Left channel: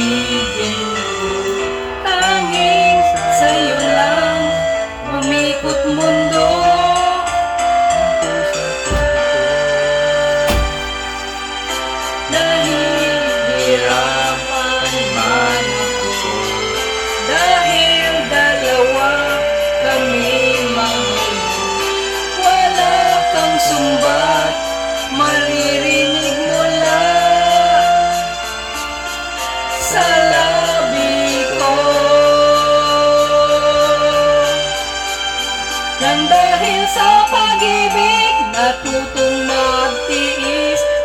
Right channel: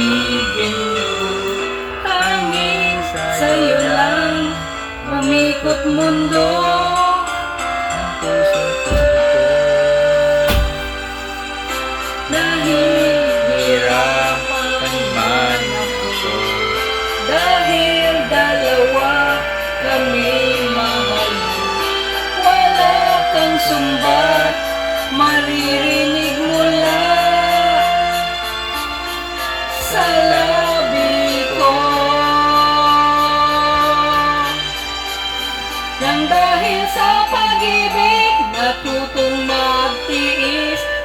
pag-ibig Tanging sa'yo lang Umikot mundo. Nahihirapan man Dahil dalawa kami mahal. Wala kang sumbat Maririnig Sa labi Nang dahil sa pag-ibig Natutong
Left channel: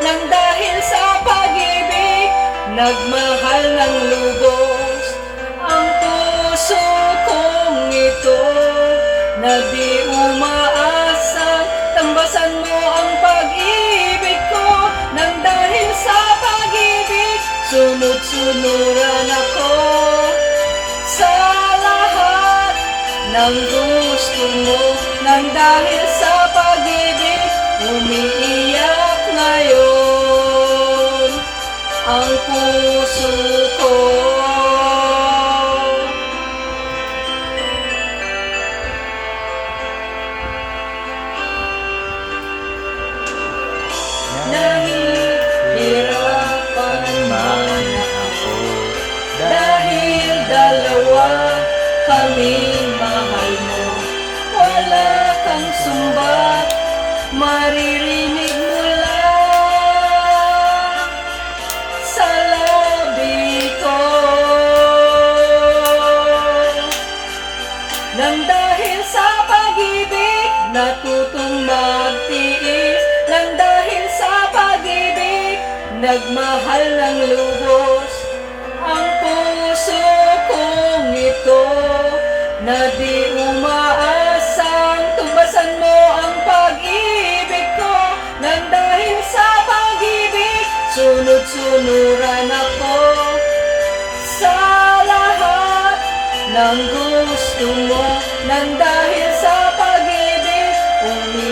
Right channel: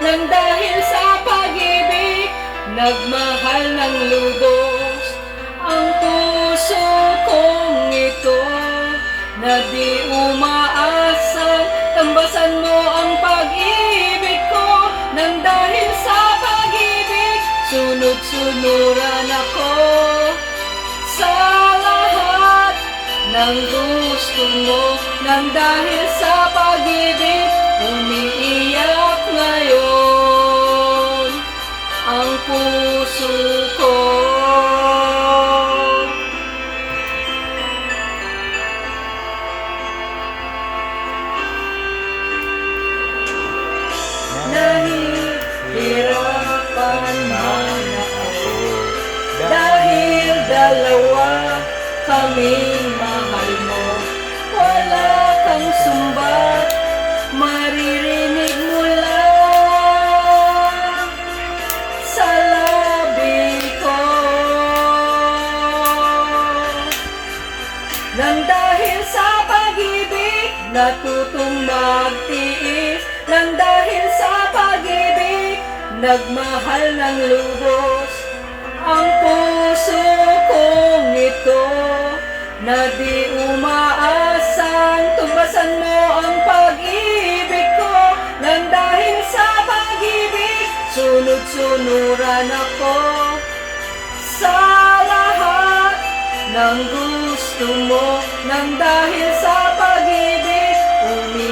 Nang dahil sa pag-ibig Nagmahal ng lubos. Ang puso kong ito Na di umaasang Tambasan mo ang pag-ibig ko. Nang dahil sa pag-ibig Sunod-sunuran ako Sa lahat ng gusto mo. Nang dahil sa pag-ibig Umiiyak kaming mahal mo. Wala kang sumbat Maririnig mula Sa labi ko. Nang dahil sa pag-ibig Natutong magtiis. Nang dahil sa pag-ibig Nagmahal ng lubos Ang puso Na di umaasang Tumbasan mo ang pag-ibig ko. Nang dahil sa pag-ibig Sunod-sunuran ako. Sa lahat ng gusto mo nang dahil sa pag-ibig umiiyak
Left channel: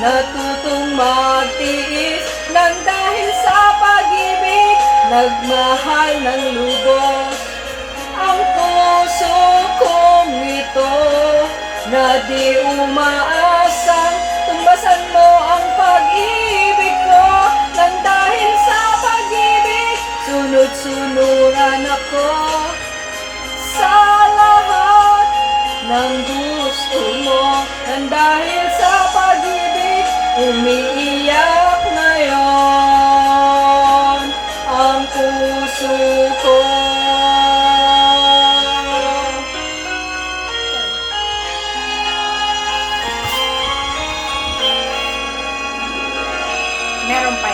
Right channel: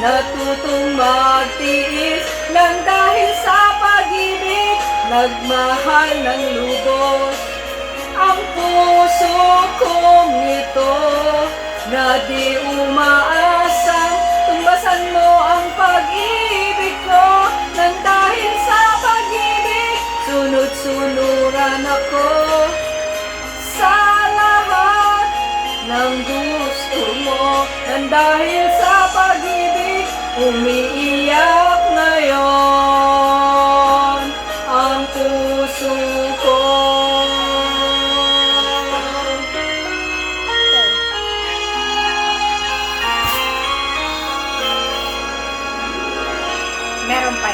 natutong magtiis Nang dahil sa pag-ibig, nagmahal ng lubos. Ang puso kong ito, na di umaasang Tumbasan mo ang pag-ibig ko. Nang dahil sa pag-ibig, sunod-sunuran ako. Sa lahat ng gusto mo Nang dahil Umiiyak ngayon ang puso ko. Meron pa